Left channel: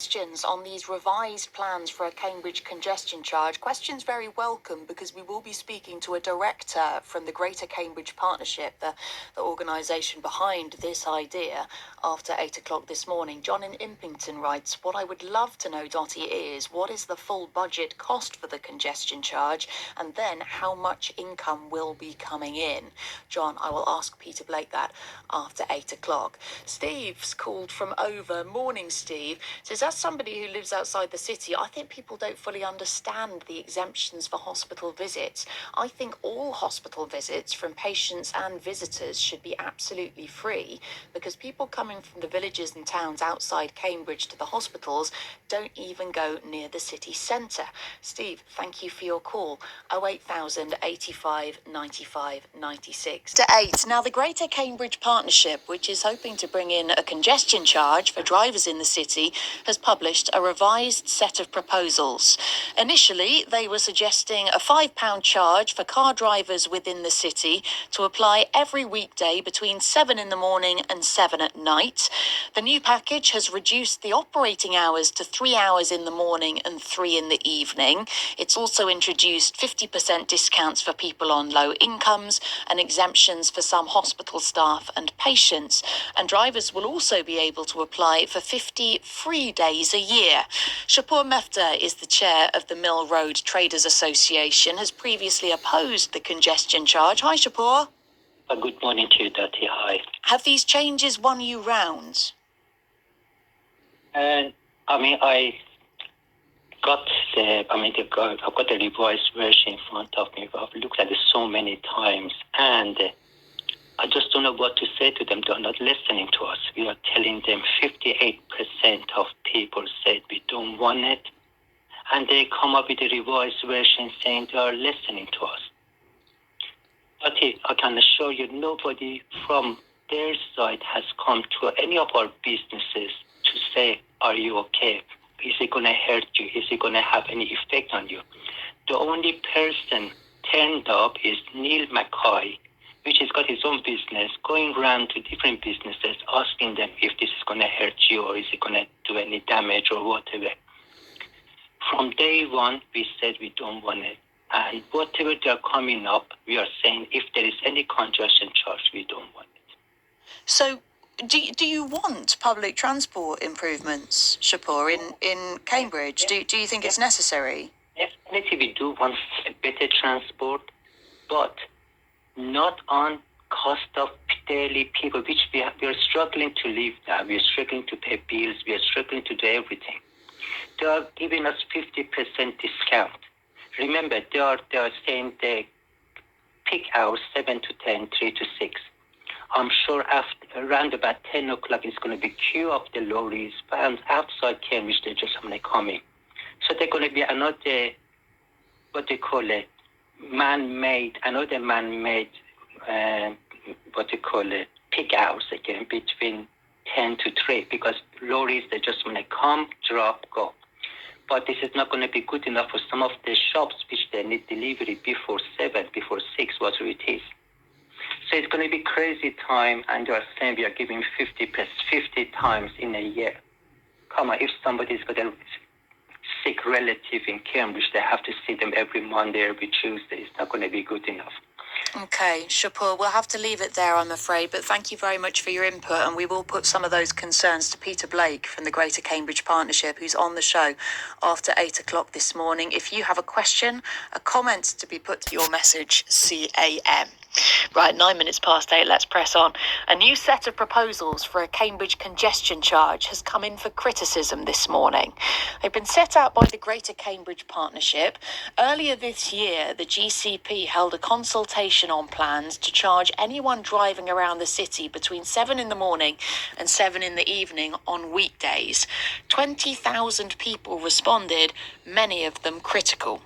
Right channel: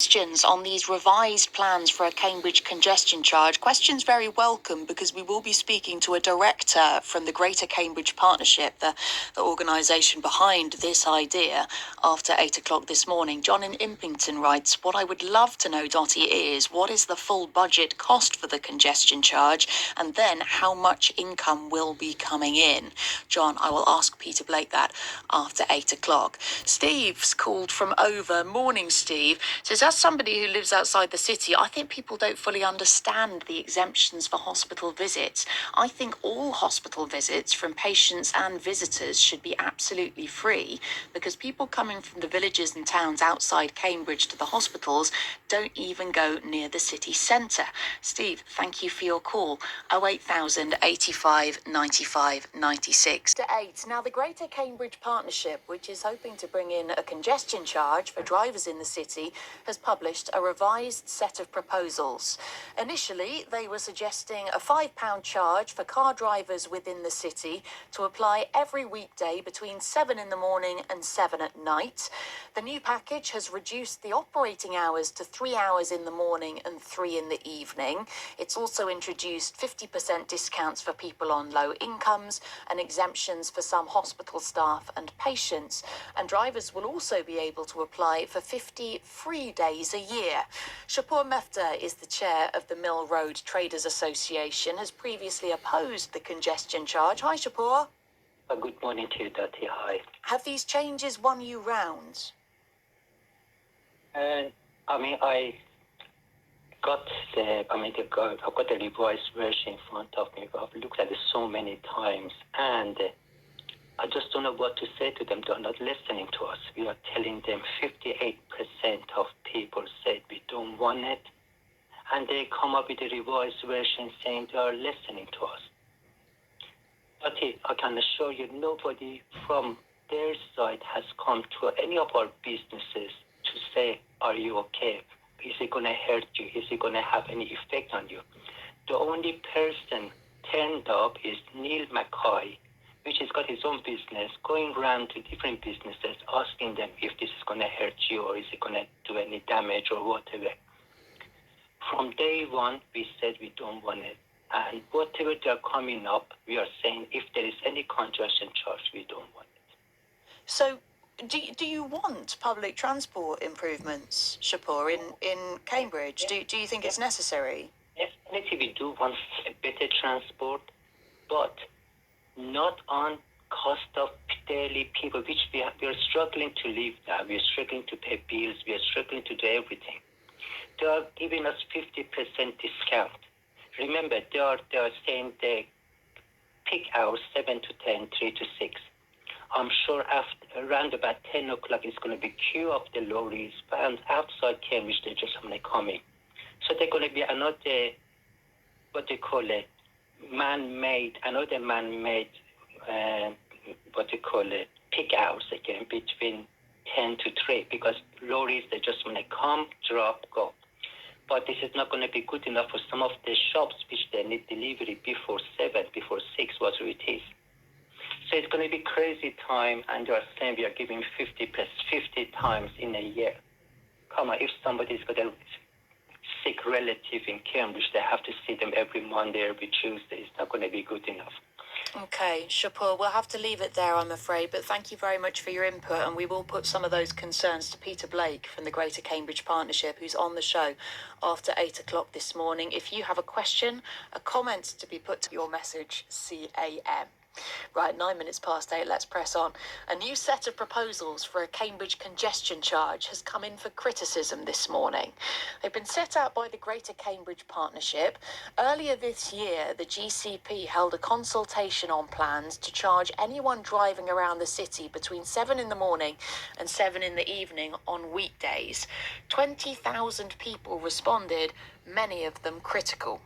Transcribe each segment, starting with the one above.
Questions on these revised plans for a Cambridge congestion charge. Questions very welcome, because we will be speaking to a director from the Greater Cambridge Partnership, the organisation behind this idea, after 8 o'clock this morning. John in Impington writes, what I would love to know, Dottie, is what is the full budget cost for the congestion charge, and then how much income will be coming in? John, I will ask Peter Blake that after 8 o'clock. Steve's called from Over. Morning, Steve. Says, as somebody who lives outside the city, I think people don't fully understand the exemptions for hospital visits. I think all hospital visits from patients and visitors should be absolutely free, because people coming from the villages and towns outside Cambridge to the hospitals don't even go near the city centre. Steve, thank you for your call. 08000 85 95 96 to 8. Now, the Greater Cambridge Partnership, which is hoping to bring in a congestion charge for drivers in the city, has published a revised set of proposals. Initially, they were suggesting a £5 charge for car drivers within the city to apply every weekday between 7 in the morning and 7 at night. The new package has reduced the operating hours to 3 hours in the morning and 3 in the evening. It's also introduced 50% discounts for people on low incomes and exemptions for some hospital staff and patients. And drivers will also be able to apply for 50 free days a year. Shapur Mefta is the chair of the Mill Road Traders Association, has previously opposed the congestion charge. Hi, Shapur. Good morning to you, Dottie. Hi. Have these changes won you round? I got I've got the revised version in front of me. I've looked at it so many times, and I just don't know what to say to them. They're not listening to us. We are telling them 58% of people said we don't want it, and they come up with a revised version saying they are listening to us. But I can assure you, nobody from their side has come to any of our businesses to say, are you okay? Is it going to hurt you? Is it going to have any effect on you? The only person turned up is Neil Mackay, which has got his own business, going around to different businesses, asking them if this is going to hurt you or is it going to do any damage or whatever. From day one, we said we don't want it. And whatever they're coming up, we are saying if there is any congestion charge, we don't want it. So, do you want public transport improvements, Shapur, in Cambridge? Yeah. Do you think it's necessary? Definitely we do want better transport, but not on cost of daily people, which we are struggling to live now. We are struggling to pay bills. We are struggling to do everything. They are giving us 50% discount. Remember, they are saying the peak hours 7 to 10, 3 to 6. I'm sure around about 10 o'clock it's going to be queue of the lorries and outside Cambridge. They're just going to come in. So they're going to be another, man-made peak hours again between 10 to 3, because lorries, they're just going to come, drop, go. But this is not going to be good enough for some of the shops which they need delivery before 7, before 6, whatever it is. So it's going to be crazy time, and they are saying we are giving 50 times in a year. Come on, if somebody's got a sick relative in Cambridge, they have to see them every Monday, every Tuesday. It's not going to be good enough. Okay, Shapur, we'll have to leave it there, I'm afraid, but thank you very much for your input, and we will put some of those concerns to Peter Blake from the Greater Cambridge Partnership, who's on the show after 8 o'clock this morning. If you have a question, a comment to be put to your message, CAM. Right, 9 minutes past 8, let's press on. A new set of proposals for a Cambridge congestion charge has come in for criticism this morning. They've been set out by the Greater Cambridge Partnership. Earlier this year, the GCP held a consultation on plans to charge anyone driving around the city between 7 in the morning and 7 in the evening on weekdays. 20,000 people responded, many of them critical.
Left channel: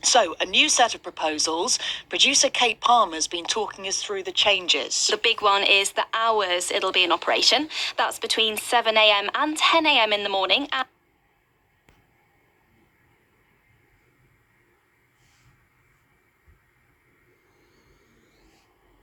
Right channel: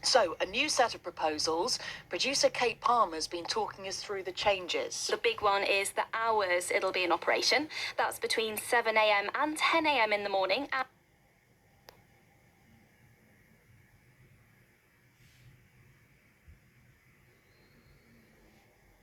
So, a new set of proposals. Producer Kate Palmer's been talking us through the changes. The big one is the hours it'll be in operation. That's between 7 a.m. and 10 a.m. in the morning.